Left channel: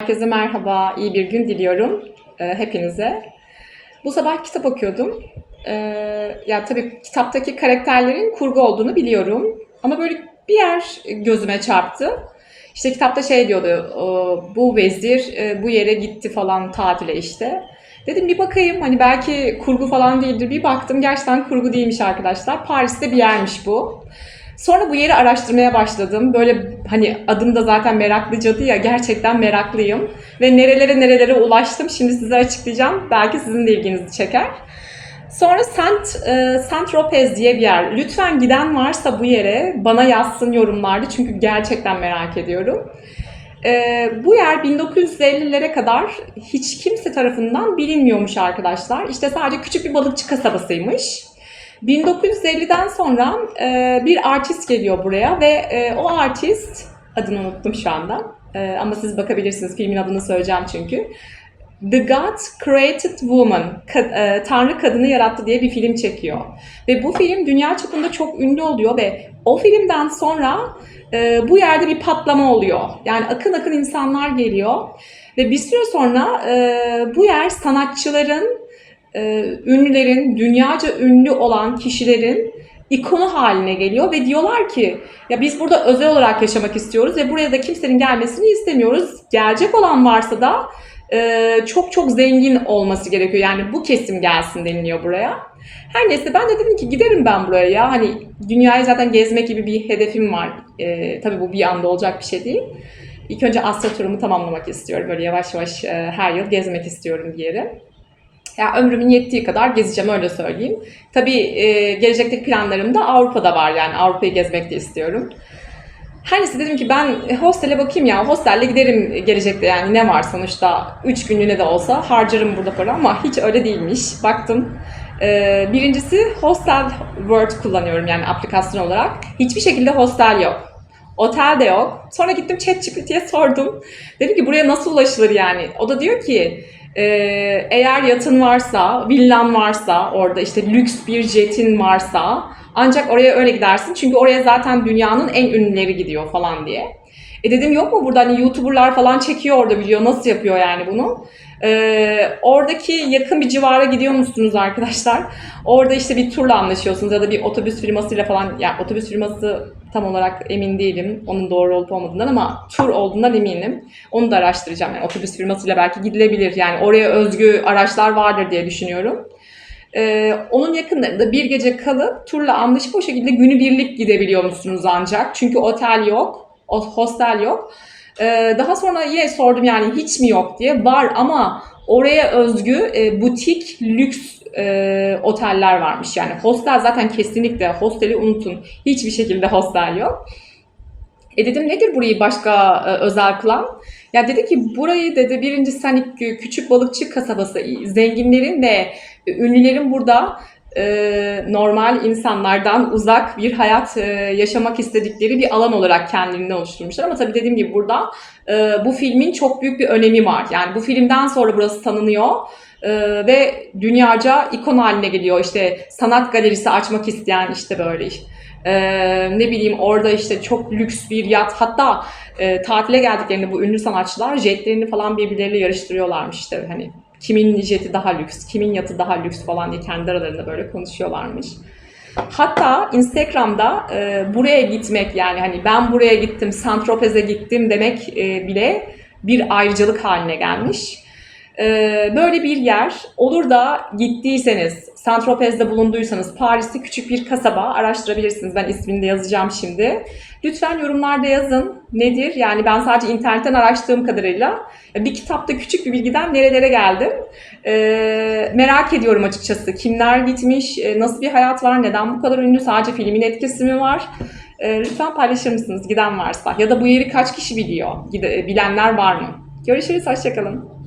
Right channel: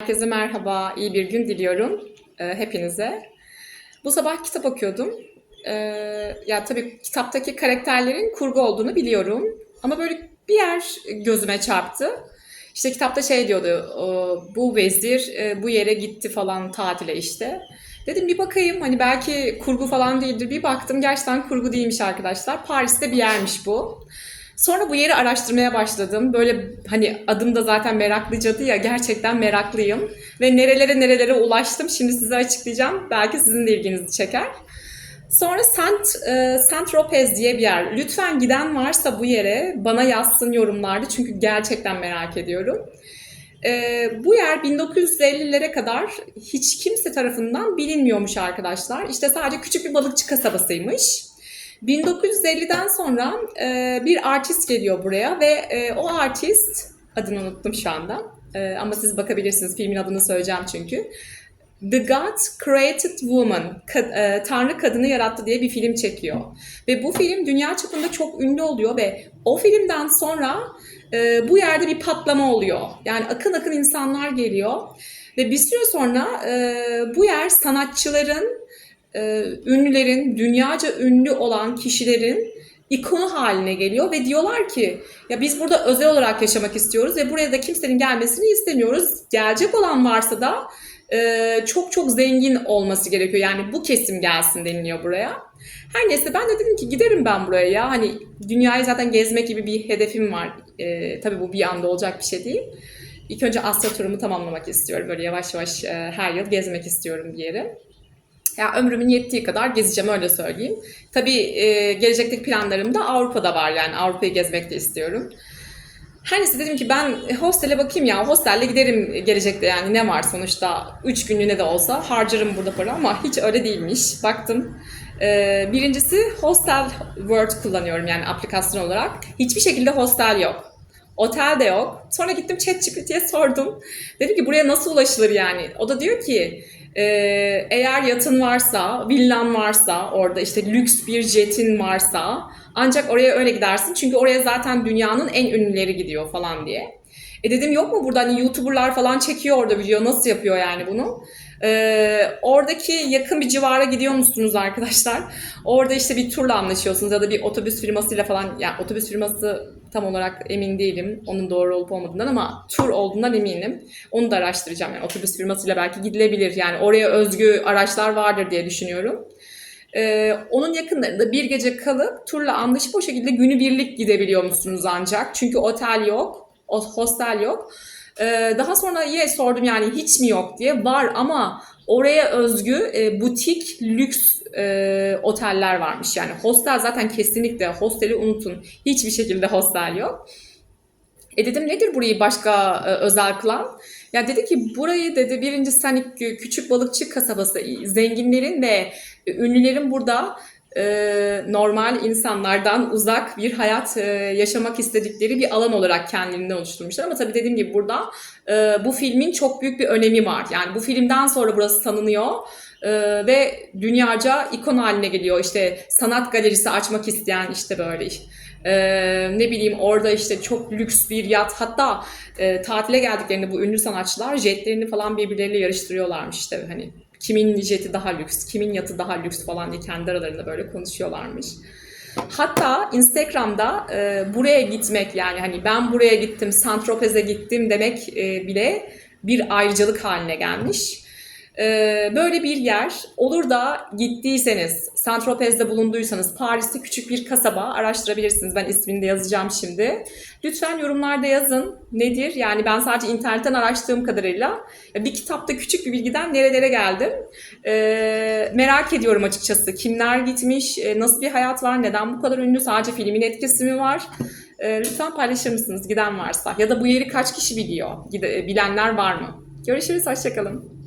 Herkese merhaba, iyi bir gün diliyorum e, hepinize. Bu sabah kitap okuyordum. E, ya tabii kitaptaki karakterlerin kurgu olduğunu biliyorum. Ama böyle bir yer gözüme çarptı. İşte kitapta şey diyordu, o, bu vezir e, bu yere gitti falan tatile işte. Dedim bir bakayım hani belki kurgu falan değildir. Bir baktım gerçekten kurgu değilmiş arkadaşlar. Paris'te bir yermiş bu. Sonra bu yeri araştırmaya başladım. Böyle hani adım da zaten meraklıcadı ya gerçekten meraklıyım. Ve nerelere nerelere ulaştım şimdi size açıklayacağım. Belki sizin de ilginizi çeker. Sonra Saint, e, Saint Tropez diye bir yer. Lütfen giden varsa bu yere bana yazsın yorumlarda çünkü gerçekten merak ediyorum. E, bu yer 1950'lere kadar hiç kimse tarafından bilinmiyormuş arkadaşlar. İşte sadece küçük bir balıkçı kasabasıymış. 1950'den sonra e, bir artist geliyor buraya ve e, o artist adını unuttum şu anda E, ama siz bakabilirsiniz filmin adını söyleyeceğim çünkü. The God Created Woman, e, Tanrı Kadını Yarattı diye bir film çekiyor. Ve bu film dünya çapında çok ünlü oluyor ve o filmden sonra e, bu yerde bir patlama oluyor. Yani akın akın insanlar geliyor. Ve bir süre sonra e, bu yer sanatçıların e, ünlülerin, dünyaca ünlü olan kişilerin ikonu haline geliyor ve diyorlar ki ya biz burada özel olarak yaşamak istiyoruz ve buraya da kimsenin gelmesini istemiyoruz. Gelecek olan varsa da e, çok çok zengin olması gerekiyor. Yani bu kesim gelsin deniliyor buraya. Her neyse ben de dedim ki giderim ben buraya ya. Hani dünyayı zaten gezmek gibi bir hedefim var. E, tabii bu bir anda olacak bir şey değil. İlk önce Asya turumu tamamlamak istiyorum. Böyle yavaş yavaş e, her yıl gezmek istiyorum bir yere. Ya ömrümün yettiği kadar gezeceğim öyle söyleyeyim. Tabii e, gelecekteki planlarım da Avrupa'da var yani Avrupa'yı gezmek de istiyorum. Her neyse dedim ki ben hostele bakayım ya hostelle giderim gelecekte yani ne var sonuçta 3 günlüğüne de olsa harcarım burada para ama hiç öyle değilmiş. Baktım e, birincisi Hostel World kullanıyorum yani aplikasyon olarak. Hiçbir şekilde hostel yok. Otel de yok. Sonra gittim ChatGPT'ye sordum. Dedim ki buraya nasıl ulaşılır yani? O da diyor ki ee, eğer yatın varsa, villan varsa, orada işte lüks bir jetin varsa ancak oraya öyle gidersin. Çünkü oraya zaten dünyanın en ünlüleri gidiyor falan diye. E dedim yok mu burada hani YouTuber'lar falan çekiyor orada video nasıl yapıyor yani bunu? Ee, oradaki yakın bir civara gidiyor musunuz arkadaşlar? Orada işte bir turla anlaşıyorsunuz ya da bir otobüs firmasıyla falan yani otobüs firması tam olarak emin değilim onun doğru olup olmadığından ama tur olduğundan eminim. Onu da araştıracağım. Yani otobüs firmasıyla belki gidilebilir. Yani oraya özgü araçlar vardır diye düşünüyorum. Ee, onun yakınlarında bir gece kalıp turla anlaşıp o şekilde günübirlik gidebiliyor musunuz ancak. Çünkü otel yok, hostel yok. Ee, daha sonra yine sordum yani hiç mi yok diye. Var ama oraya özgü e, butik, lüks e, oteller varmış. Yani hostel zaten kesinlikle hosteli unutun. Hiçbir şekilde hostel yok. E dedim nedir burayı başka e, özel kılan? Ya dedi ki burayı dedi birincisi hani kü- küçük balıkçı kasabası, zenginlerin ve ünlülerin burada e, normal insanlardan uzak bir hayat e, yaşamak istedikleri bir alan olarak kendilerini oluşturmuşlar. Ama tabii dediğim gibi burada e, bu filmin çok büyük bir önemi var. Yani bu filmden sonra burası tanınıyor. Ee, ve dünyaca ikon haline geliyor. İşte sanat galerisi açmak isteyen işte böyle. Ee, ne bileyim orada işte çok lüks bir yat hatta e, tatile geldiklerinde bu ünlü sanatçılar jetlerini falan birbirleriyle yarıştırıyorlarmış işte hani kimin jeti daha lüks, kimin yatı daha lüks falan diye kendi aralarında böyle konuşuyorlarmış. Hatta Instagram'da e, buraya gitmek yani hani ben buraya gittim, Saint-Tropez'e gittim demek e, bile bir ayrıcalık haline gelmiş. Ee, böyle bir yer olur da gittiyseniz, Saint-Tropez'de bulunduysanız Paris'te küçük bir kasaba araştırabilirsiniz. Ben ismini de yazacağım şimdi. Lütfen yorumlarda yazın. Nedir? Yani ben sadece internetten araştırdığım kadarıyla bir kitapta küçük bir bilgiden nerelere geldim. Ee, merak ediyorum açıkçası. Kimler gitmiş, e, nasıl bir hayat var, neden bu kadar ünlü, sadece filmin etkisi mi var? Ee, lütfen paylaşır mısınız giden varsa? Ya da bu yeri kaç kişi biliyor? Bilenler var mı? Görüşürüz, hoşçakalın.